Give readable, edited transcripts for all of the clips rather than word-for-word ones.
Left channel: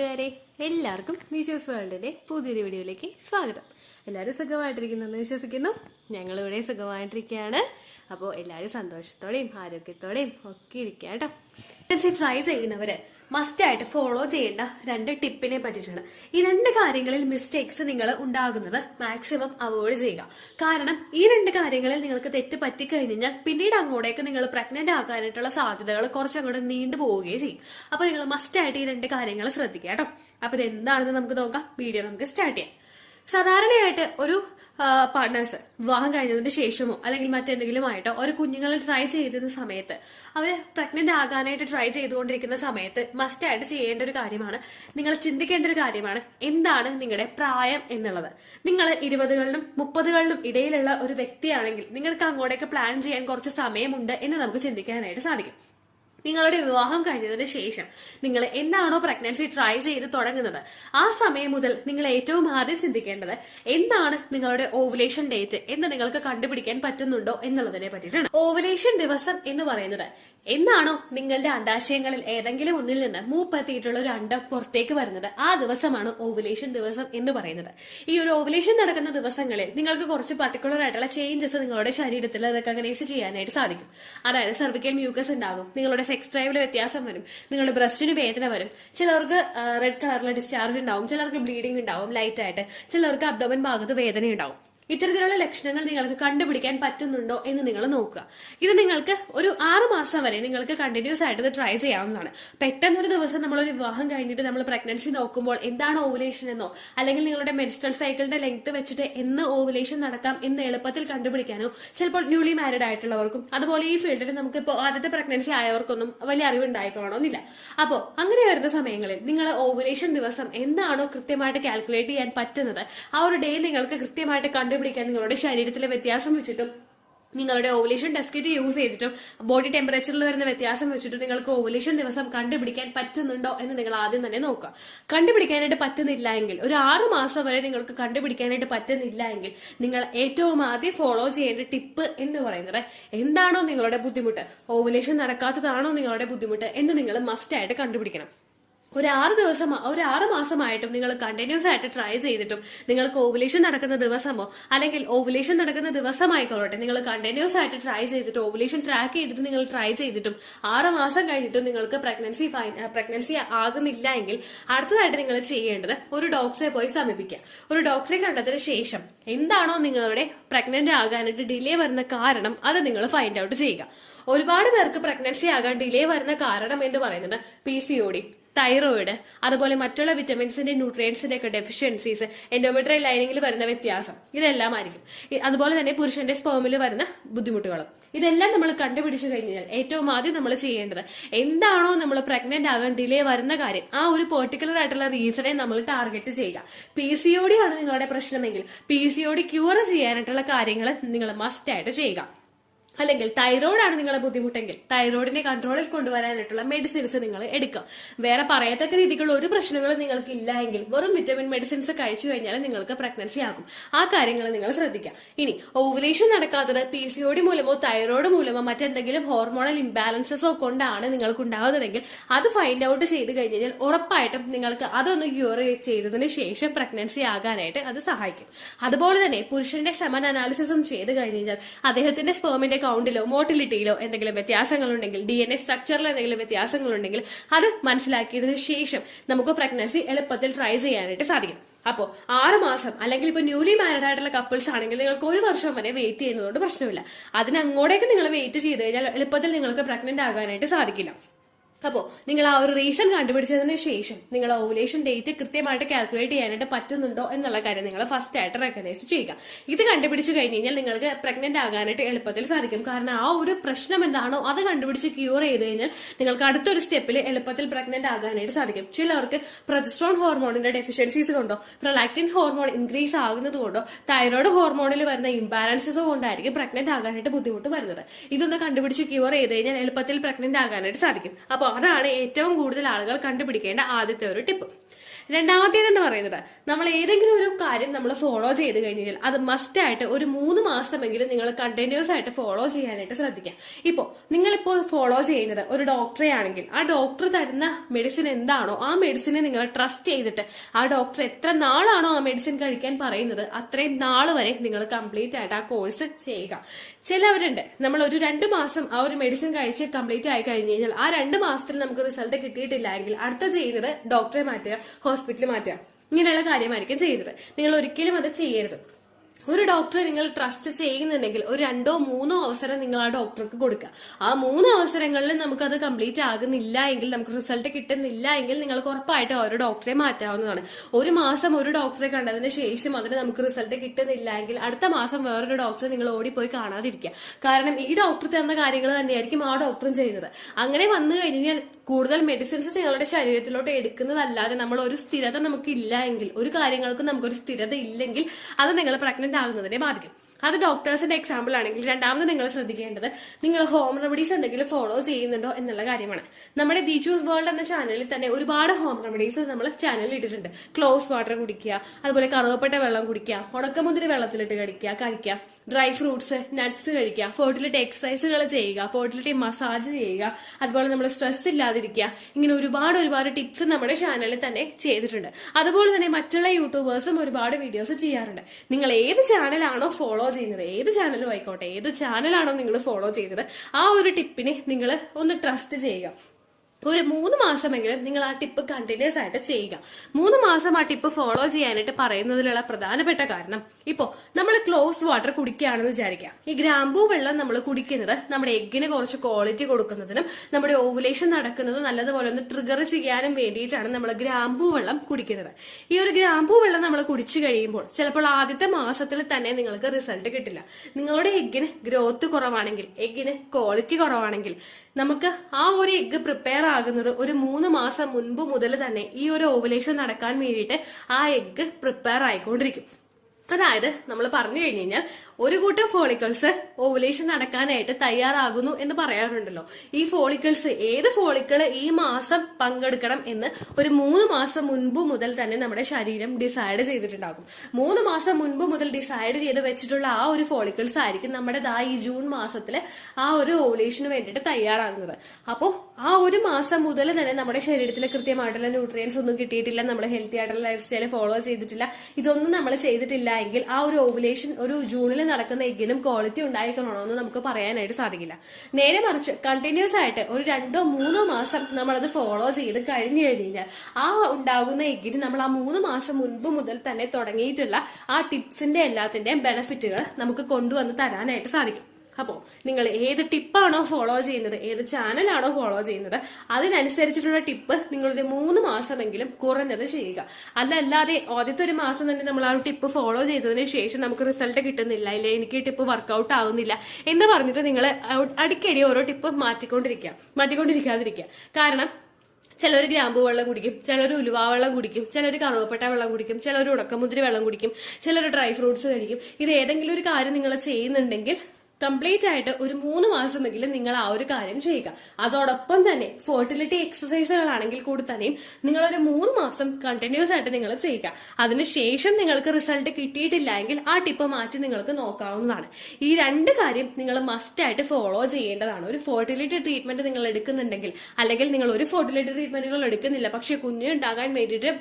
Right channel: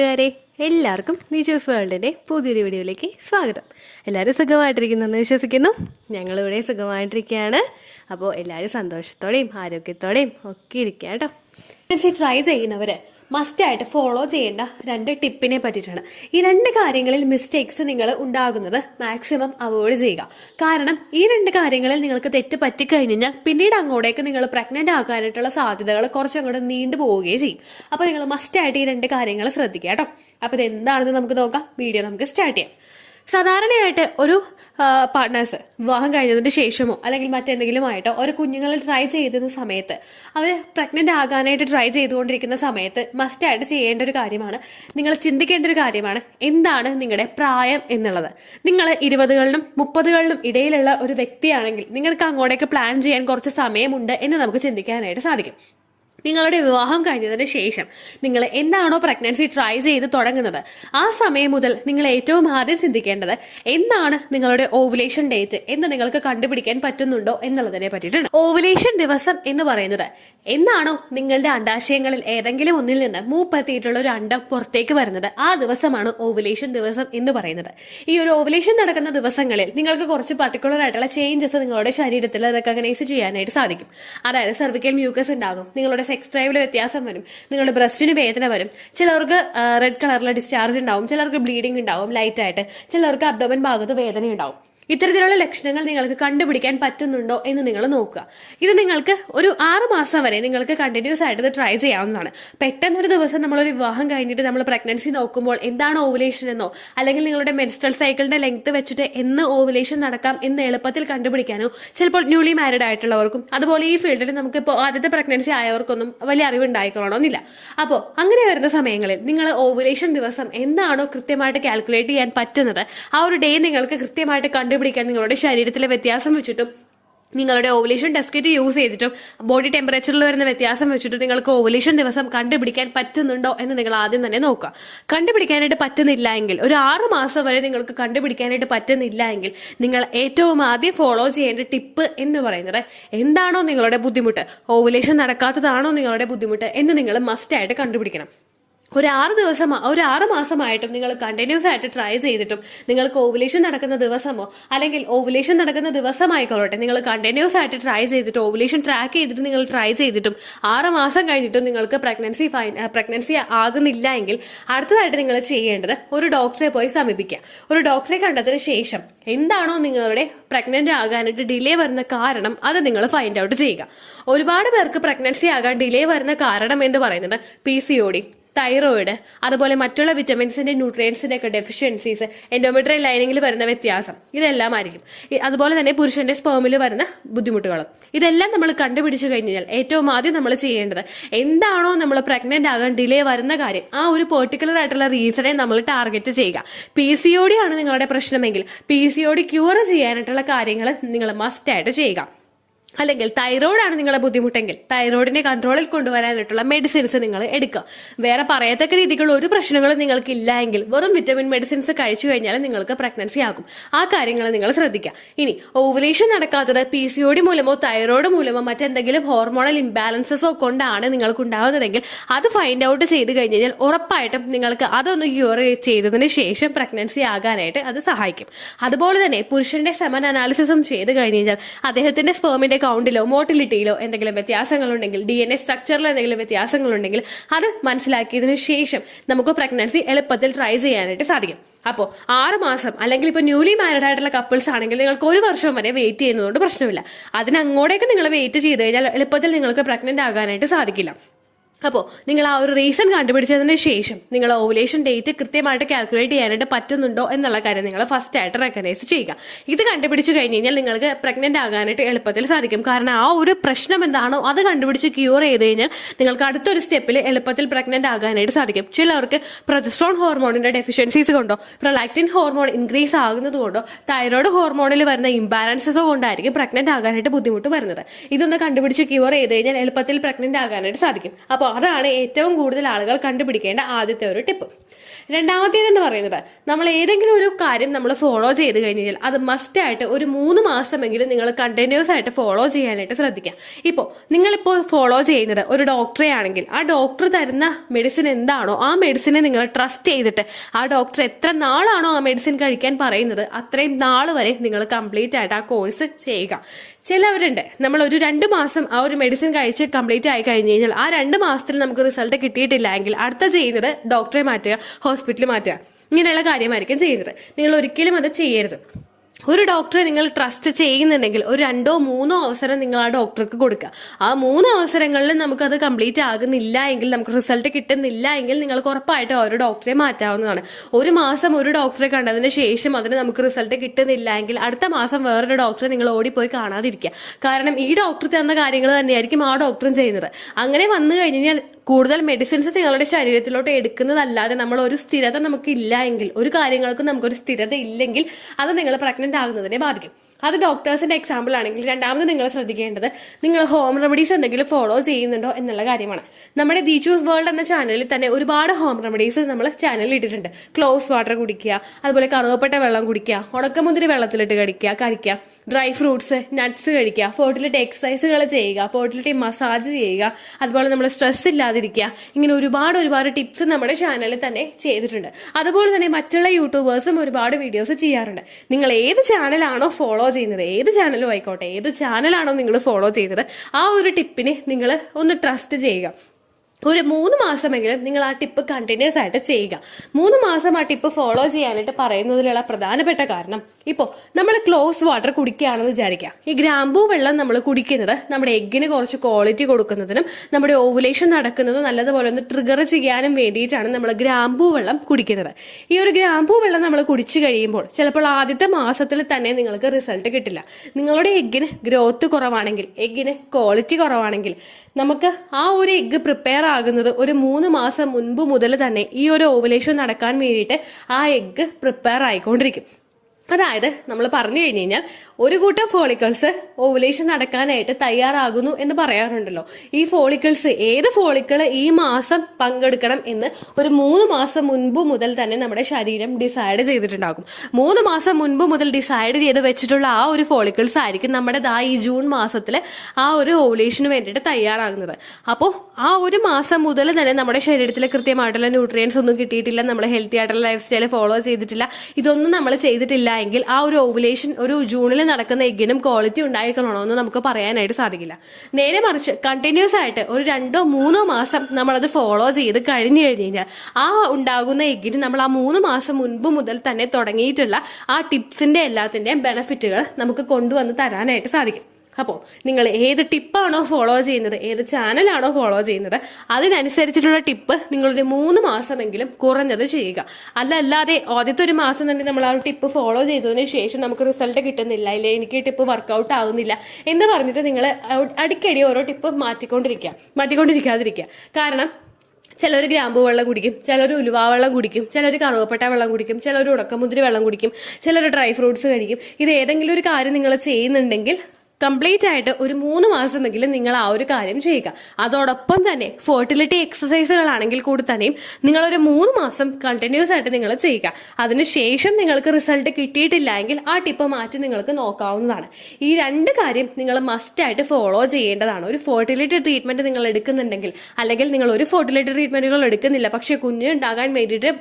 കൂട്ടുകാരെ, എല്ലാവർക്കും നീച്ചൂസ് വേൾഡിൻ്റെ പുതിയൊരു വീഡിയോയിലേക്ക് സ്വാഗതം. എല്ലാവരും സുഖമായിട്ടിരിക്കുന്നെന്ന് വിശ്വസിക്കുന്നു. ഞങ്ങളിവിടെ സുഖമായിട്ടിരിക്കുകയാണ്. അപ്പോൾ എല്ലാവരും സന്തോഷത്തോടെയും ആരോഗ്യത്തോടെയും ഒക്കെ ഇരിക്കുക കേട്ടോ. ട്രൈ ചെയ്യുന്നവർ മസ്റ്റായിട്ട് ഫോളോ ചെയ്യേണ്ട 2 ടിപ്പിനെ പറ്റിയിട്ടാണ്. ഈ 2 കാര്യങ്ങളിൽ മിസ്റ്റേക്സ് നിങ്ങൾ ഉണ്ടാകുന്നത് മാക്സിമം അവോയ്ഡ് ചെയ്യുക. കാരണം ഈ 2 കാര്യങ്ങളിൽ നിങ്ങൾക്ക് തെറ്റ് പറ്റിക്കഴിഞ്ഞാൽ പിന്നീട് അങ്ങോട്ടേക്ക് നിങ്ങൾ പ്രഗ്നന്റ് ആക്കാനായിട്ടുള്ള സാധ്യതകൾ കുറച്ചങ്ങോട്ട് നീണ്ടു പോവുകയും ചെയ്യും. അപ്പോൾ നിങ്ങൾ മസ്റ്റായിട്ട് ഈ 2 കാര്യങ്ങൾ ശ്രദ്ധിക്കുക കേട്ടോ. അപ്പോൾ ഇത് എന്താണെന്ന് നമുക്ക് നോക്കാം. വീഡിയോ നമുക്ക് സ്റ്റാർട്ട് ചെയ്യാം. സാധാരണയായിട്ട് ഒരു പാർട്ട്നേഴ്സ് വിവാഹം കഴിഞ്ഞതിന് ശേഷമോ അല്ലെങ്കിൽ മറ്റെന്തെങ്കിലും ആയിട്ടോ ഒരു കുഞ്ഞുങ്ങളെ ട്രൈ ചെയ്തിരുന്ന സമയത്ത് അവർ പ്രഗ്നന്റ് ആകാനായിട്ട് ട്രൈ ചെയ്തുകൊണ്ടിരിക്കുന്ന സമയത്ത് മസ്റ്റായിട്ട് ചെയ്യേണ്ട ഒരു കാര്യമാണ്, നിങ്ങൾ ചിന്തിക്കേണ്ട ഒരു കാര്യമാണ്, എന്താണ് നിങ്ങളുടെ പ്രായം എന്നുള്ളത്. നിങ്ങൾ 20കളിലും 30കളിലും ഇടയിലുള്ള ഒരു വ്യക്തിയാണെങ്കിൽ നിങ്ങൾക്ക് അങ്ങോട്ടേക്ക് പ്ലാൻ ചെയ്യാൻ കുറച്ച് സമയമുണ്ട് എന്ന് നമുക്ക് ചിന്തിക്കാനായിട്ട് സാധിക്കും. നിങ്ങളുടെ വിവാഹം കഴിഞ്ഞതിന് ശേഷം നിങ്ങൾ എന്താണോ പ്രഗ്നൻസി ട്രൈ ചെയ്ത് തുടങ്ങുന്നത് ആ സമയം മുതൽ നിങ്ങൾ ഏറ്റവും ആദ്യം ചിന്തിക്കേണ്ടത് എന്താണ് നിങ്ങളുടെ ഓവുലേഷൻ ഡേറ്റ് എന്ന് നിങ്ങൾക്ക് കണ്ടുപിടിക്കാൻ പറ്റുന്നുണ്ടോ എന്നുള്ളതിനെ പറ്റിയിട്ടുണ്ട്. ഓവുലേഷൻ ദിവസം എന്ന് പറയുന്നത് എന്നാണോ നിങ്ങളുടെ അണ്ടാശയങ്ങളിൽ ഏതെങ്കിലും ഒന്നിൽ നിന്ന് മൂപ്പെത്തിയിട്ടുള്ള ഒരു അണ്ടം പുറത്തേക്ക് വരുന്നത് ആ ദിവസമാണ് ഓവുലേഷൻ ദിവസം എന്ന് പറയുന്നത്. ഈ ഒരു ഓവുലേഷൻ നടക്കുന്ന ദിവസങ്ങളിൽ നിങ്ങൾക്ക് കുറച്ച് പർട്ടിക്കുലർ ആയിട്ടുള്ള ചേഞ്ചസ് നിങ്ങളുടെ ശരീരത്തിൽ റെക്കഗ്നൈസ് ചെയ്യാനായിട്ട് സാധിക്കും. അതായത് സെർവിക്കൽ മ്യൂക്കസ് ഉണ്ടാകും, നിങ്ങളുടെ സെക്സ് ഡ്രൈവിൽ വ്യത്യാസം വരും, നിങ്ങളുടെ ബ്രസ്റ്റിന് വേദന വരും, ചിലർക്ക് റെഡ് കളറിലെ ഡിസ്ചാർജ് ഉണ്ടാവും, ചിലർക്ക് ബ്ലീഡിംഗ് ഉണ്ടാവും ലൈറ്റ് ആയിട്ട്, ചിലർക്ക് അബ്ഡോമൻ ഭാഗത്ത് വേദന ഉണ്ടാവും. ഇത്തരത്തിലുള്ള ലക്ഷണങ്ങൾ നിങ്ങൾക്ക് കണ്ടുപിടിക്കാൻ പറ്റുന്നുണ്ടോ എന്ന് നിങ്ങൾ നോക്കുക. ഇത് നിങ്ങൾക്ക് ഒരു 6 മാസം വരെ നിങ്ങൾക്ക് കണ്ടിന്യൂസ് ആയിട്ട് ഇത് ട്രൈ ചെയ്യാവുന്നതാണ്. പെട്ടെന്നൊരു ദിവസം നമ്മളൊരു വിവാഹം കഴിഞ്ഞിട്ട് നമ്മൾ പ്രഗ്നൻസി നോക്കുമ്പോൾ എന്താണ് ഓവുലേഷൻ എന്നോ അല്ലെങ്കിൽ നിങ്ങളുടെ മെൻസ്ട്രൽ സൈക്കിളിന്റെ ലെങ്ത് വെച്ചിട്ട് എന്ന് ഓവുലേഷൻ നടക്കാം എന്ന് എളുപ്പത്തിൽ കണ്ടുപിടിക്കാനോ ചിലപ്പോൾ ന്യൂലി മാരിഡ് ആയിട്ടുള്ളവർക്കും അതുപോലെ ഈ ഫീൽഡിൽ നമുക്ക് ഇപ്പോൾ ആദ്യത്തെ പ്രഗ്നൻസി ആയവർക്കൊന്നും വലിയ അറിവ് ഉണ്ടായിക്കണമെന്നില്ല. അപ്പോൾ അങ്ങനെ വരുന്ന സമയങ്ങളിൽ നിങ്ങൾ ഓവുലേഷൻ ദിവസം എന്താണോ കൃത്യമായിട്ട് കാൽക്കുലേറ്റ് ചെയ്യാൻ പറ്റുന്നത് ആ ഒരു ഡേ നിങ്ങൾക്ക് കൃത്യമായിട്ട് കണ്ടുപിടിക്കാൻ നിങ്ങളുടെ ശരീരത്തിലെ വ്യത്യാസം വെച്ചിട്ടും നിങ്ങളുടെ ഓവുലേഷൻ ടെസ്റ്റ് കിറ്റ് യൂസ് ചെയ്തിട്ടും ബോഡി ടെമ്പറേച്ചറിൽ വരുന്ന വ്യത്യാസം വെച്ചിട്ട് നിങ്ങൾക്ക് ഓവുലേഷൻ ദിവസം കണ്ടുപിടിക്കാൻ പറ്റുന്നുണ്ടോ എന്ന് നിങ്ങൾ ആദ്യം തന്നെ നോക്കുക. കണ്ടുപിടിക്കാനായിട്ട് പറ്റുന്നില്ല എങ്കിൽ ഒരു 6 മാസം വരെ നിങ്ങൾക്ക് കണ്ടുപിടിക്കാനായിട്ട് പറ്റുന്നില്ല എങ്കിൽ നിങ്ങൾ ഏറ്റവും ആദ്യം ഫോളോ ചെയ്യേണ്ട ടിപ്പ് എന്ന് പറയുന്നത് എന്താണോ നിങ്ങളുടെ ബുദ്ധിമുട്ട്, ഓവുലേഷൻ നടക്കാത്തതാണോ നിങ്ങളുടെ ബുദ്ധിമുട്ട് എന്ന് നിങ്ങൾ മസ്റ്റായിട്ട് കണ്ടുപിടിക്കണം. ഒരു 6 മാസമായിട്ടും നിങ്ങൾ കണ്ടിന്യൂസ് ആയിട്ട് ട്രൈ ചെയ്തിട്ടും നിങ്ങൾക്ക് ഓവുലേഷൻ നടക്കുന്ന ദിവസമോ അല്ലെങ്കിൽ ഓവുലേഷൻ നടക്കുന്ന ദിവസമായിക്കോട്ടെ നിങ്ങൾ കണ്ടിന്യൂസ് ആയിട്ട് ട്രൈ ചെയ്തിട്ട് ഓവുലേഷൻ ട്രാക്ക് ചെയ്തിട്ട് നിങ്ങൾ ട്രൈ ചെയ്തിട്ടും 6 മാസം കഴിഞ്ഞിട്ടും നിങ്ങൾക്ക് പ്രഗ്നൻസി ആകുന്നില്ല എങ്കിൽ അടുത്തതായിട്ട് നിങ്ങൾ ചെയ്യേണ്ടത് ഒരു ഡോക്ടറെ പോയി സമീപിക്കുക. ഒരു ഡോക്ടറെ കണ്ടതിന് ശേഷം എന്താണോ നിങ്ങളുടെ പ്രഗ്നന്റ് ആകാനായിട്ട് ഡിലേ വരുന്ന കാരണം അത് നിങ്ങൾ ഫൈൻഡ് ഔട്ട് ചെയ്യുക. ഒരുപാട് പേർക്ക് പ്രഗ്നൻസി ആകാൻ ഡിലേ വരുന്ന കാരണം എന്ന് പറയുന്നത് PCOD, തൈറോയിഡ്, അതുപോലെ മറ്റുള്ള വിറ്റമിൻസിന്റെ ന്യൂട്രിയൻസിന്റെ ഒക്കെ ഡെഫിഷ്യൻസീസ്, എൻഡോമെട്രിയൽ ലൈനിങ്ങിൽ വരുന്ന വ്യത്യാസം, ഇതെല്ലാം ആയിരിക്കും. അതുപോലെ തന്നെ പുരുഷന്റെ സ്പേമിൽ വരുന്ന ബുദ്ധിമുട്ടുകളും ഇതെല്ലാം നമ്മൾ കണ്ടുപിടിച്ചു കഴിഞ്ഞാൽ ഏറ്റവും ആദ്യം നമ്മൾ ചെയ്യേണ്ടത് എന്താണോ നമ്മൾ പ്രഗ്നന്റ് ആകാൻ ഡിലേ വരുന്ന കാര്യം ആ ഒരു പെർട്ടിക്കുലർ ആയിട്ടുള്ള റീസണെ നമ്മൾ ടാർഗറ്റ് ചെയ്യുക. PCOD ആണ് നിങ്ങളുടെ പ്രശ്നമെങ്കിൽ PCOD ക്യൂർ ചെയ്യാനായിട്ടുള്ള കാര്യങ്ങൾ നിങ്ങൾ മസ്റ്റ് ആയിട്ട് ചെയ്യുക. അല്ലെങ്കിൽ തൈറോയിഡ് ആണ് നിങ്ങളുടെ ബുദ്ധിമുട്ടെങ്കിൽ തൈറോയിഡിനെ കൺട്രോളിൽ കൊണ്ടുവരാനായിട്ടുള്ള മെഡിസിൻസ് നിങ്ങൾ എടുക്കുക. വേറെ പറയത്തക്ക രീതിക്കുള്ള ഒരു പ്രശ്നങ്ങളും നിങ്ങൾക്ക് ഇല്ല എങ്കിൽ വെറും വിറ്റമിൻ മെഡിസിൻസ് കഴിച്ചു കഴിഞ്ഞാൽ നിങ്ങൾക്ക് പ്രഗ്നൻസി ആകും. ആ കാര്യങ്ങൾ നിങ്ങൾ ശ്രദ്ധിക്കുക. ഇനി ഓവുലേഷൻ നടക്കാത്തത് PCOD മൂലമോ തൈറോയിഡ് മൂലമോ മറ്റെന്തെങ്കിലും ഹോർമോണൽ ഇംബാലൻസസോ കൊണ്ടാണ് നിങ്ങൾക്ക് ഉണ്ടാകുന്നതെങ്കിൽ അത് ഫൈൻഡ് ഔട്ട് ചെയ്ത് കഴിഞ്ഞാൽ ഉറപ്പായിട്ടും നിങ്ങൾക്ക് അതൊന്ന് ക്യൂർ ചെയ്തതിന് ശേഷം പ്രഗ്നൻസി ആകാനായിട്ട് അത് സഹായിക്കും. അതുപോലെ തന്നെ പുരുഷന്റെ സെമൻ അനാലിസിസും ചെയ്ത് കഴിഞ്ഞാൽ അദ്ദേഹത്തിന്റെ സ്പേമിന്റെ കൗണ്ടിലോ മോട്ടിലിറ്റിയിലോ എന്തെങ്കിലും വ്യത്യാസങ്ങളുണ്ടെങ്കിൽ DNA സ്ട്രക്ചറിൽ എന്തെങ്കിലും വ്യത്യാസങ്ങളുണ്ടെങ്കിൽ അത് മനസ്സിലാക്കിയതിനു ശേഷം നമുക്ക് പ്രഗ്നൻസി എളുപ്പത്തിൽ ട്രൈ ചെയ്യാനായിട്ട് സാധിക്കും. അപ്പോൾ 6 മാസം അല്ലെങ്കിൽ ഇപ്പൊ ന്യൂലി മാരിഡ് ആയിട്ടുള്ള കപ്പിൾസ് ആണെങ്കിൽ നിങ്ങൾക്ക് 1 വർഷം വരെ വെയിറ്റ് ചെയ്യുന്നതുകൊണ്ട് പ്രശ്നമില്ല. അതിനങ്ങോട്ടേക്ക് നിങ്ങൾ വെയിറ്റ് ചെയ്ത് കഴിഞ്ഞാൽ എളുപ്പത്തിൽ നിങ്ങൾക്ക് പ്രഗ്നന്റ് ആകാനായിട്ട് സാധിക്കില്ല. അപ്പോൾ നിങ്ങൾ ആ ഒരു റീസൺ കണ്ടുപിടിച്ചതിന് ശേഷം നിങ്ങൾ ഓവുലേഷൻ ഡേറ്റ് കൃത്യമായിട്ട് കാൽക്കുലേറ്റ് ചെയ്യാനായിട്ട് പറ്റുന്നുണ്ടോ എന്നുള്ള കാര്യം നിങ്ങൾ ഫസ്റ്റ് ആയിട്ട് റെക്കഗ്നൈസ് ചെയ്യുക. ഇത് കണ്ടുപിടിച്ചു കഴിഞ്ഞ് കഴിഞ്ഞാൽ നിങ്ങൾക്ക് പ്രഗ്നന്റ് ആകാനായിട്ട് എളുപ്പത്തിൽ സാധിക്കും. കാരണം ആ ഒരു പ്രശ്നം എന്താണോ അത് കണ്ടുപിടിച്ച് ക്യൂർ ചെയ്ത് കഴിഞ്ഞാൽ നിങ്ങൾക്ക് അടുത്തൊരു സ്റ്റെപ്പിൽ എളുപ്പത്തിൽ പ്രഗ്നന്റ് ആകാനായിട്ട് സാധിക്കും. ചിലർക്ക് പ്രൊജസ്ട്രോൺ ഹോർമോണിന്റെ ഡെഫിഷ്യൻസീസ് കൊണ്ടോ പ്രൊലാക്റ്റിൻ ഹോർമോൺ ഇൻക്രീസ് ആകുന്നത് കൊണ്ടോ തൈറോയ്ഡ് ഹോർമോണിൽ വരുന്ന ഇംബാലൻസസ് കൊണ്ടായിരിക്കും പ്രഗ്നന്റ് ആകാനായിട്ട് ബുദ്ധിമുട്ട് വരുന്നത്. ഇതൊന്ന് കണ്ടുപിടിച്ച് ക്യൂർ ചെയ്ത് കഴിഞ്ഞാൽ എളുപ്പത്തിൽ പ്രഗ്നന്റ് ആകാനായിട്ട് സാധിക്കും. അപ്പോൾ അതാണ് ഏറ്റവും കൂടുതൽ ആളുകൾ കണ്ടുപിടിക്കേണ്ട ആദ്യത്തെ ഒരു ടിപ്പ്. രണ്ടാമത്തേതെന്ന് പറയുന്നത് നമ്മൾ ഏതെങ്കിലും ഒരു കാര്യം നമ്മൾ ഫോളോ ചെയ്ത് കഴിഞ്ഞാൽ അത് മസ്റ്റ് ആയിട്ട് ഒരു 3 മാസമെങ്കിലും നിങ്ങൾ കണ്ടിന്യൂസ് ആയിട്ട് ഫോളോ ചെയ്യാനായിട്ട് ശ്രദ്ധിക്കുക. ഇപ്പോൾ നിങ്ങളിപ്പോൾ ഫോളോ ചെയ്യുന്നത് ഒരു ഡോക്ടറെ ആണെങ്കിൽ ആ ഡോക്ടർ തരുന്ന മെഡിസിൻ എന്താണോ ആ മെഡിസിനെ നിങ്ങൾ ട്രസ്റ്റ് ചെയ്തിട്ട് ആ ഡോക്ടർ എത്ര നാളാണോ ആ മെഡിസിൻ കഴിക്കാൻ പറയുന്നത് അത്രയും നാൾ വരെ നിങ്ങൾ കംപ്ലീറ്റ് ആയിട്ട് ആ കോഴ്സ് ചെയ്യുക. ചിലവരുണ്ട് നമ്മൾ ഒരു 2 മാസം ആ ഒരു മെഡിസിൻ കഴിച്ച് കംപ്ലീറ്റ് ആയി കഴിഞ്ഞ് കഴിഞ്ഞാൽ ആ 2 മാസത്തിൽ നമുക്ക് റിസൾട്ട് കിട്ടിയിട്ടില്ല എങ്കിൽ അടുത്ത ചെയ്യുന്നത് ഡോക്ടറെ മാറ്റുക, ഹോസ്പിറ്റലിൽ മാറ്റുക, ഇങ്ങനെയുള്ള കാര്യമായിരിക്കും ചെയ്യുന്നത്. നിങ്ങൾ ഒരിക്കലും അത് ചെയ്യരുത്. ഒരു ഡോക്ടറെ നിങ്ങൾ ട്രസ്റ്റ് ചെയ്യുന്നുണ്ടെങ്കിൽ ഒരു 2-3 അവസരം നിങ്ങൾ ആ ഡോക്ടർക്ക് കൊടുക്കുക. ആ 3 അവസരങ്ങളിൽ നമുക്കത് കംപ്ലീറ്റ് ആകുന്നില്ല എങ്കിൽ, നമുക്ക് റിസൾട്ട് കിട്ടുന്നില്ല എങ്കിൽ നിങ്ങൾക്ക് ഉറപ്പായിട്ടും ആ ഒരു ഡോക്ടറെ മാറ്റാവുന്നതാണ്. ഒരു മാസം ഒരു ഡോക്ടറെ കണ്ടതിന് ശേഷം അതിന് നമുക്ക് റിസൾട്ട് കിട്ടുന്നില്ല എങ്കിൽ അടുത്ത മാസം വേറൊരു ഡോക്ടറെ നിങ്ങൾ ഓടിപ്പോയി കാണാതിരിക്കുക. കാരണം ഈ ഡോക്ടർ തന്ന കാര്യങ്ങൾ തന്നെയായിരിക്കും ആ ഡോക്ടറും ചെയ്യുന്നത്. അങ്ങനെ വന്നു കഴിഞ്ഞാൽ കൂടുതൽ മെഡിസിൻസ് നിങ്ങളുടെ ശരീരത്തിലോട്ട് എടുക്കുന്നതല്ലാതെ നമ്മൾ ഒരു സ്ഥിരത നമുക്ക് ഇല്ല എങ്കിൽ, ഒരു കാര്യങ്ങൾക്കും നമുക്കൊരു സ്ഥിരത ഇല്ലെങ്കിൽ അത് നിങ്ങൾ പ്രഗ്നന്റ് ആകുന്നതിനെ ബാധിക്കും. അത് ഡോക്ടേഴ്സിന്റെ എക്സാമ്പിൾ ആണെങ്കിൽ രണ്ടാമത് നിങ്ങൾ ശ്രദ്ധിക്കേണ്ടത് നിങ്ങൾ ഹോം റെമഡീസ് എന്തെങ്കിലും ഫോളോ ചെയ്യുന്നുണ്ടോ എന്നുള്ള കാര്യമാണ്. നമ്മുടെ ദി ചൂസ് വേൾഡ് എന്ന ചാനലിൽ തന്നെ ഒരുപാട് ഹോം റെമഡീസ് നമ്മൾ ചാനലിൽ ഇട്ടിട്ടുണ്ട്. ക്ലോസ് വാട്ടർ കുടിക്കുക, അതുപോലെ കറുവപ്പട്ട വെള്ളം കുടിക്കുക, ഉണക്കമുന്തിരി വെള്ളത്തിലിട്ട് കഴിക്കുക, ഡ്രൈ ഫ്രൂട്ട്സ്, നട്ട്സ് കഴിക്കുക, ഫെർട്ടിലിറ്റി എക്സസൈസുകൾ ചെയ്യുക, ഫെർട്ടിലിറ്റി മസാജ് ചെയ്യുക, അതുപോലെ നമ്മൾ സ്ട്രെസ് ഇല്ലാതിരിക്കുക. ഇങ്ങനെ ഒരുപാട് ടിപ്സ് നമ്മുടെ ചാനലിൽ തന്നെ ചെയ്തിട്ടുണ്ട്. അതുപോലെ തന്നെ മറ്റുള്ള യൂട്യൂബേഴ്സും ഒരുപാട് വീഡിയോസ് ചെയ്യാറുണ്ട്. നിങ്ങൾ ഏത് ചാനലാണോ ഫോളോ ചെയ്യുന്നത്, ഏത് ചാനലും ആയിക്കോട്ടെ, ഏത് ചാനലാണോ നിങ്ങൾ ഫോളോ ചെയ്തത് ആ ഒരു ടിപ്പിനെ നിങ്ങൾ ഒന്ന് ട്രസ്റ്റ് ചെയ്യുക. ഒരു 3 മാസമെങ്കിലും നിങ്ങൾ ആ ടിപ്പ് കണ്ടിന്യൂസ് ആയിട്ട് ചെയ്യുക. 3 മാസം ആ ടിപ്പ് ഫോളോ ചെയ്യാനായിട്ട് പറയുന്നതിലുള്ള പ്രധാനപ്പെട്ട കാരണം, ഇപ്പോൾ നമ്മൾ ക്ലോസ് വാട്ടർ കുടിക്കുകയാണെന്ന് വിചാരിക്കാം. ഈ ഗ്രാമ്പൂ വെള്ളം നമ്മൾ കുടിക്കുന്നത് നമ്മുടെ എഗ്ഗിന് കുറച്ച് ക്വാളിറ്റി കൊടുക്കുന്നതിനും നമ്മുടെ ഓവുലേഷൻ നടക്കുന്നത് നല്ലതുപോലെ ഒന്ന് ട്രിഗർ ചെയ്യാനും വേണ്ടിയിട്ടാണ് നമ്മൾ ഗ്രാമ്പൂ വെള്ളം കുടിക്കുന്നത്. ഈ ഒരു ഗ്രാമ്പൂ വെള്ളം നമ്മൾ കുടിച്ചു കഴിയുമ്പോൾ ചിലപ്പോൾ ആദ്യത്തെ മാസത്തിൽ തന്നെ നിങ്ങൾക്ക് റിസൾട്ട് കിട്ടില്ല. നിങ്ങളുടെ എഗ്ഗിന് ഗ്രോത്ത് കുറവാണെങ്കിൽ, എഗ്ഗിന് ക്വാളിറ്റി കുറവാണെങ്കിൽ, നമുക്ക് ആ ഒരു എഗ്ഗ് പ്രിപ്പയർ ആകുന്നത് ഒരു 3 മാസം മുൻപ് മുതൽ തന്നെ ഈ ഒരു ഓവുലേഷൻ നടക്കാൻ വേണ്ടിയിട്ട് ആ എഗ്ഗ് പ്രിപ്പയർ ആയിക്കൊണ്ടിരിക്കും. അതായത് നമ്മൾ പറഞ്ഞു കഴിഞ്ഞു കഴിഞ്ഞാൽ ഒരു കൂട്ടം ഫോളിക്കിൾസ് ഓവുലേഷൻ നടക്കാനായിട്ട് തയ്യാറാകുന്നു എന്ന് പറയാറുണ്ടല്ലോ. ഈ ഫോളിക്കിൾസ്, ഏത് ഫോളിക്കിൾ ഈ മാസം പങ്കെടുക്കണം എന്ന് ഒരു 3 മാസം മുൻപ് മുതൽ തന്നെ നമ്മുടെ ശരീരം ഡിസൈഡ് ചെയ്തിട്ടുണ്ടാകും. 3 മാസം മുൻപ് മുതൽ ഡിസൈഡ് ചെയ്ത് വെച്ചിട്ടുള്ള ആ ഒരു ഫോളിക്കിൾസ് ആയിരിക്കും നമ്മുടെ ഈ ജൂൺ മാസത്തിൽ ആ ഒരു ഓവുലേഷന് വേണ്ടിയിട്ട് തയ്യാറാകുന്നത്. അപ്പോൾ ആ ഒരു മാസം മുതൽ തന്നെ നമ്മുടെ ശരീരത്തിൽ കൃത്യമായിട്ടുള്ള ന്യൂട്രിയൻസ് ഒന്നും കിട്ടിയിട്ടില്ല, നമ്മൾ ഹെൽത്തി ആയിട്ടുള്ള ലൈഫ് സ്റ്റൈൽ ഫോളോ ചെയ്തിട്ടില്ല, ഇതൊന്നും നമ്മൾ ചെയ്തിട്ടില്ല എങ്കിൽ ആ ഒരു ഓവുലേഷൻ ഒരു ജൂണിൽ നടക്കുന്ന എഗ്ഗിനും ക്വാളിറ്റി ഉണ്ടായിക്കണമെന്ന് നമുക്ക് പറയാനായിട്ട് സാധിക്കില്ല. നേരെ മറിച്ച് കണ്ടിന്യൂസ് ആയിട്ട് ഒരു 2-3 മാസം നമ്മളത് ഫോളോ ചെയ്ത് കഴിഞ്ഞു കഴിഞ്ഞാൽ ആ ഉണ്ടാകുന്ന എഗ്ഗിന് നമ്മൾ ആ 3 മാസം മുൻപ് മുതൽ തന്നെ തുടങ്ങിയിട്ടുള്ള ആ ടിപ്സിന്റെ എല്ലാത്തിന്റെയും ബെനിഫിറ്റുകൾ നമുക്ക് കൊണ്ടുവന്ന് തരാനായിട്ട് സാധിക്കും. അപ്പോൾ നിങ്ങൾ ഏത് ടിപ്പാണോ ഫോളോ ചെയ്യുന്നത്, ഏത് ചാനലാണോ ഫോളോ ചെയ്യുന്നത്, അതിനനുസരിച്ചിട്ടുള്ള ടിപ്പ് നിങ്ങളൊരു 3 മാസമെങ്കിലും കുറഞ്ഞത് ചെയ്യുക. അല്ലാതെ ആദ്യത്തെ ഒരു മാസം തന്നെ നമ്മൾ ആ ഒരു ടിപ്പ് ഫോളോ ചെയ്തതിന് ശേഷം നമുക്ക് റിസൾട്ട് കിട്ടുന്നില്ല, ഇല്ലേ എനിക്ക് ഈ ടിപ്പ് വർക്കൗട്ട് ആവുന്നില്ല എന്ന് പറഞ്ഞിട്ട് നിങ്ങൾ അടിക്കടി ഓരോ ടിപ്പ് മാറ്റിക്കൊണ്ടിരിക്കാതിരിക്കുക. കാരണം ചിലർ ഗ്രാമ്പൂ വെള്ളം കുടിക്കും, ചിലർ ഉലുവ വെള്ളം കുടിക്കും, ചിലർ കറുവപ്പട്ട വെള്ളം കുടിക്കും, ചിലർ ഉണക്കമുന്തിരി വെള്ളം കുടിക്കും, ചിലർ ഡ്രൈ ഫ്രൂട്ട്സ് കഴിക്കും. ഇത് ഏതെങ്കിലും ഒരു കാര്യം നിങ്ങൾ ചെയ്യുന്നുണ്ടെങ്കിൽ കംപ്ലീറ്റ് ആയിട്ട് ഒരു 3 മാസമെങ്കിലും നിങ്ങൾ ആ ഒരു കാര്യം ചെയ്യുക. അതോടൊപ്പം തന്നെ ഫെർട്ടിലിറ്റി എക്സസൈസുകളാണെങ്കിൽ കൂടി തന്നെയും നിങ്ങളൊരു 3 മാസം കണ്ടിന്യൂസ് ആയിട്ട് നിങ്ങൾ ചെയ്യുക. അതിനുശേഷം നിങ്ങൾക്ക് റിസൾട്ട് കിട്ടിയിട്ടില്ല എങ്കിൽ ആ ടിപ്പ് മാറ്റി നിങ്ങൾക്ക് നോക്കാവുന്നതാണ്. ഈ 2 കാര്യം നിങ്ങൾ മസ്റ്റ് ആയിട്ട് ഫോളോ ചെയ്യേണ്ടതാണ്. ഒരു ഫെർട്ടിലിറ്റി ട്രീറ്റ്മെന്റ് നിങ്ങൾ എടുക്കുന്നുണ്ടെങ്കിൽ, അല്ലെങ്കിൽ നിങ്ങൾ ഒരു ഫെർട്ടിലിറ്റി ട്രീറ്റ്മെന്റുകൾ എടുക്കുന്നില്ല പക്ഷെ കുഞ്ഞ് ഉണ്ടാകാൻ വേണ്ടിയിട്ട്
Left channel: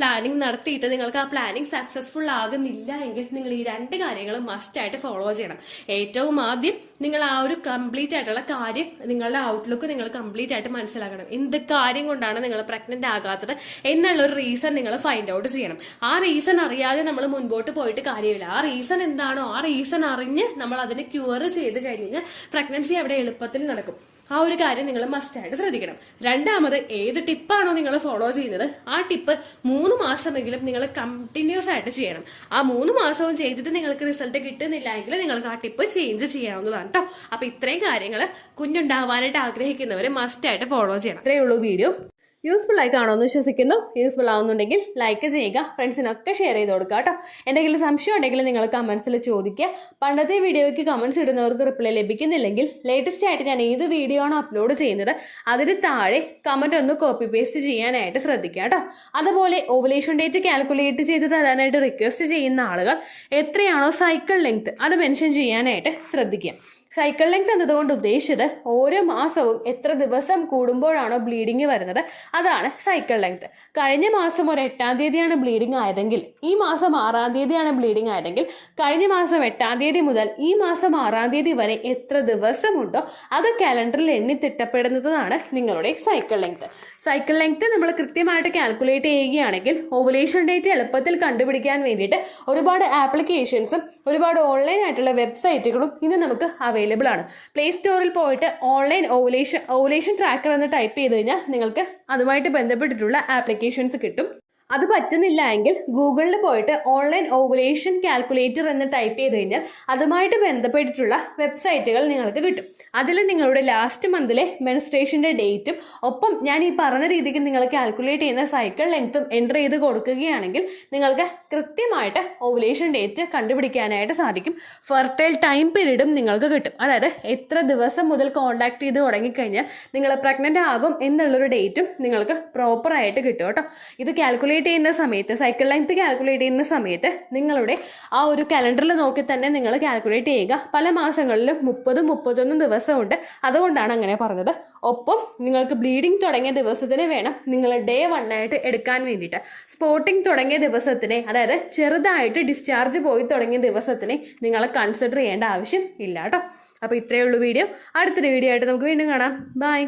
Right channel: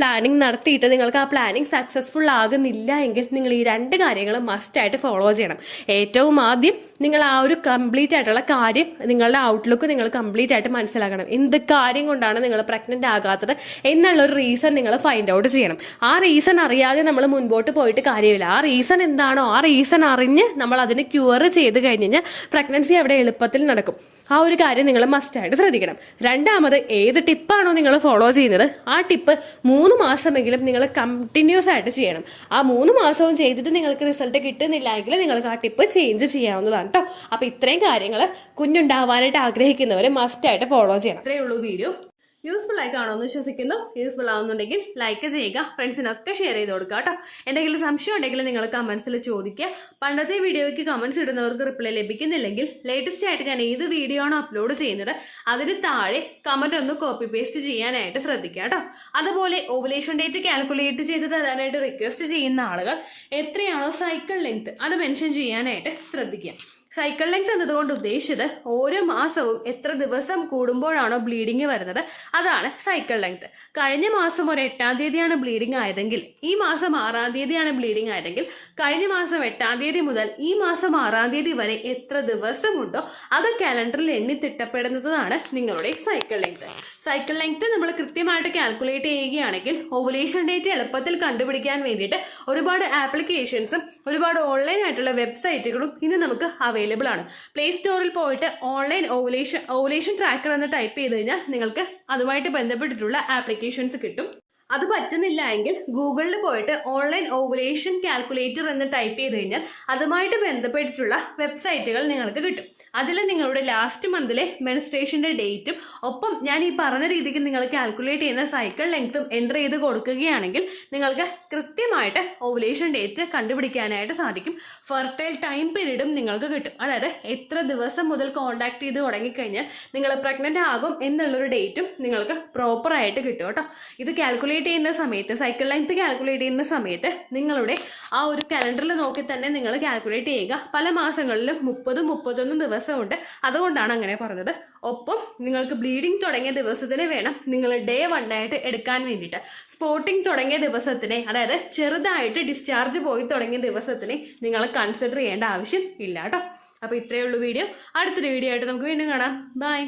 പ്ലാനിങ് നടത്തിയിട്ട് നിങ്ങൾക്ക് ആ പ്ലാനിങ് സക്സസ്ഫുൾ ആകുന്നില്ല എങ്കിൽ നിങ്ങൾ ഈ 2 കാര്യങ്ങൾ മസ്റ്റ് ആയിട്ട് ഫോളോ ചെയ്യണം. ഏറ്റവും ആദ്യം നിങ്ങൾ ആ ഒരു കംപ്ലീറ്റ് ആയിട്ടുള്ള കാര്യം, നിങ്ങളുടെ ഔട്ട്ലുക്ക് നിങ്ങൾ കംപ്ലീറ്റ് ആയിട്ട് മനസ്സിലാക്കണം. എന്ത് കാര്യം കൊണ്ടാണ് നിങ്ങൾ പ്രഗ്നന്റ് ആകാത്തത് എന്നുള്ള ഒരു റീസൺ നിങ്ങൾ ഫൈൻഡ് ഔട്ട് ചെയ്യണം. ആ റീസൺ അറിയാതെ നമ്മൾ മുൻപോട്ട് പോയിട്ട് കാര്യമില്ല. ആ റീസൺ എന്താണോ ആ റീസൺ അറിഞ്ഞ് നമ്മൾ അതിന് ക്യൂർ ചെയ്ത് കഴിഞ്ഞ് കഴിഞ്ഞാൽ പ്രഗ്നൻസി അവിടെ എളുപ്പത്തിൽ നടക്കും. ആ ഒരു കാര്യം നിങ്ങൾ മസ്റ്റ് ആയിട്ട് ശ്രദ്ധിക്കണം. രണ്ടാമത്, ഏത് ടിപ്പാണോ നിങ്ങൾ ഫോളോ ചെയ്യുന്നത് ആ ടിപ്പ് 3 മാസമെങ്കിലും നിങ്ങൾ കണ്ടിന്യൂസ് ആയിട്ട് ചെയ്യണം. ആ 3 മാസവും ചെയ്തിട്ട് നിങ്ങൾക്ക് റിസൾട്ട് കിട്ടുന്നില്ല എങ്കിൽ നിങ്ങൾക്ക് ആ ടിപ്പ് ചേഞ്ച് ചെയ്യാവുന്നതാണ് കേട്ടോ. അപ്പൊ ഇത്രയും കാര്യങ്ങൾ കുഞ്ഞുണ്ടാവാനായിട്ട് ആഗ്രഹിക്കുന്നവർ മസ്റ്റ് ആയിട്ട് ഫോളോ ചെയ്യണം. ഇത്രയേ ഉള്ളൂ വീഡിയോ. യൂസ്ഫുൾ ആയി കാണുമെന്ന് വിശ്വസിക്കുന്നു. യൂസ്ഫുൾ ആവുന്നുണ്ടെങ്കിൽ ലൈക്ക് ചെയ്യുക, ഫ്രണ്ട്സിനൊക്കെ ഷെയർ ചെയ്ത് കൊടുക്കുക കേട്ടോ. എന്തെങ്കിലും സംശയം ഉണ്ടെങ്കിൽ നിങ്ങൾ കമൻസിൽ ചോദിക്കുക. പണ്ടത്തെ വീഡിയോയ്ക്ക് കമൻസ് ഇടുന്നവർക്ക് റിപ്ലൈ ലഭിക്കുന്നില്ലെങ്കിൽ ലേറ്റസ്റ്റ് ആയിട്ട് ഞാൻ ഏത് വീഡിയോ ആണോ അപ്ലോഡ് ചെയ്യുന്നത് അതിന് താഴെ കമൻറ്റ് ഒന്ന് കോപ്പി പേസ്റ്റ് ചെയ്യാനായിട്ട് ശ്രദ്ധിക്കുക കേട്ടോ. അതുപോലെ ഓവുലേഷൻ ഡേറ്റ് കാൽക്കുലേറ്റ് ചെയ്ത് തരാനായിട്ട് റിക്വസ്റ്റ് ചെയ്യുന്ന ആളുകൾ എത്രയാണോ സൈക്കിൾ ലെങ്ത് അത് മെൻഷൻ ചെയ്യാനായിട്ട് ശ്രദ്ധിക്കുക. സൈക്കിൾ ലെങ്ത് എന്നതുകൊണ്ട് ഉദ്ദേശിച്ചത് ഓരോ മാസവും എത്ര ദിവസം കൂടുമ്പോഴാണോ ബ്ലീഡിങ് വരുന്നത് അതാണ് സൈക്കിൾ ലെങ്ത്. കഴിഞ്ഞ മാസം ഒരു 8-ാം തീയതിയാണ് ബ്ലീഡിങ് ആയതെങ്കിൽ ഈ മാസം 6-ാം തീയതിയാണ് ബ്ലീഡിങ് ആയതെങ്കിൽ കഴിഞ്ഞ മാസം 8-ാം തീയതി മുതൽ ഈ മാസം 6-ാം തീയതി വരെ എത്ര ദിവസമുണ്ടോ അത് കാലണ്ടറിൽ എണ്ണി തിട്ടപ്പെടുന്നതാണ് നിങ്ങളുടെ സൈക്കിൾ ലെങ്ത്. സൈക്കിൾ ലെങ്ത് നമ്മൾ കൃത്യമായിട്ട് കാൽക്കുലേറ്റ് ചെയ്യുകയാണെങ്കിൽ ഓവുലേഷൻ ഡേറ്റ് എളുപ്പത്തിൽ കണ്ടുപിടിക്കാൻ വേണ്ടിയിട്ട് ഒരുപാട് ആപ്ലിക്കേഷൻസും ഒരുപാട് ഓൺലൈൻ ആയിട്ടുള്ള വെബ്സൈറ്റുകളും ഇന്ന് നമുക്ക് അവൈലബിൾ ആണ്. പ്ലേ സ്റ്റോറിൽ പോയിട്ട് ഓൺലൈൻ ഓവുലേഷൻ ട്രാക്കർ എന്ന് ടൈപ്പ് ചെയ്ത് കഴിഞ്ഞാൽ നിങ്ങൾക്ക് അതുമായിട്ട് ബന്ധപ്പെട്ടിട്ടുള്ള ആപ്ലിക്കേഷൻസ് കിട്ടും. അത് പറ്റുന്നില്ല എങ്കിൽ ഗൂഗിളിൽ പോയിട്ട് ഓൺലൈൻ ഓവുലേഷൻ കാൽക്കുലേറ്റർ എന്ന് ടൈപ്പ് ചെയ്ത് കഴിഞ്ഞാൽ അതുമായിട്ട് ബന്ധപ്പെട്ടിട്ടുള്ള വെബ്സൈറ്റുകൾ നിങ്ങൾക്ക് കിട്ടും. അതിൽ നിങ്ങളുടെ ലാസ്റ്റ് മന്തിലെ മെൻസ്ട്രേഷൻ്റെ ഡേറ്റും ഒപ്പം ഞാൻ ഈ പറഞ്ഞ രീതിക്ക് നിങ്ങൾ കാൽക്കുലേറ്റ് ചെയ്യുന്ന സൈക്കിൾ ലെങ്ത്തും എൻ്റർ ചെയ്ത് കൊടുക്കുകയാണെങ്കിൽ നിങ്ങൾക്ക് കൃത്യമായിട്ട് ഓവുലേഷൻ ഡേറ്റ് കണ്ടുപിടിക്കാനായിട്ട് സാധിക്കും. ഫെർട്ടൈൽ ടൈം പീരീഡും നിങ്ങൾക്ക് കിട്ടും. അതായത് എത്ര ദിവസം മുതൽ കോൺടാക്ട് ചെയ്ത് തുടങ്ങിക്കഴിഞ്ഞാൽ നിങ്ങൾ പ്രഗ്നൻ്റ് ആകും എന്നുള്ളൊരു ഡേറ്റും നിങ്ങൾക്ക് പ്രോപ്പറായിട്ട് കിട്ടും കേട്ടോ. ഇത് കാൽക്കുലേറ്റ് ചെയ്യുന്ന സമയത്ത് സൈക്കിൾ ലെങ്ത് കാൽക്കുലേറ്റ് ചെയ്യുന്ന സമയത്ത് നിങ്ങളുടെ ആ ഒരു കലണ്ടറിൽ നോക്കി തന്നെ നിങ്ങൾ കാൽക്കുലേറ്റ് ചെയ്യുക. പല മാസങ്ങളിലും 30-31 ദിവസമുണ്ട്, അതുകൊണ്ടാണ് അങ്ങനെ പറഞ്ഞത്. ഒപ്പം നിങ്ങൾക്ക് ബ്ലീഡിങ് തുടങ്ങിയ ദിവസത്തിന് വേണം നിങ്ങൾ ഡേ 1 ആയിട്ട് എടുക്കാൻ വേണ്ടിയിട്ട്. സ്പോട്ടിങ് തുടങ്ങിയ ദിവസത്തിനെ, അതായത് ചെറുതായിട്ട് ഡിസ്ചാർജ് പോയി തുടങ്ങിയ ദിവസത്തിനെ നിങ്ങൾ കൺസിഡർ ചെയ്യേണ്ട ആവശ്യം ഇല്ല കേട്ടോ. അപ്പോൾ ഇത്രയേ ഉള്ളൂ വീഡിയോ. അടുത്തൊരു വീഡിയോ ആയിട്ട് നമുക്ക് വീണ്ടും കാണാം. ബൈ.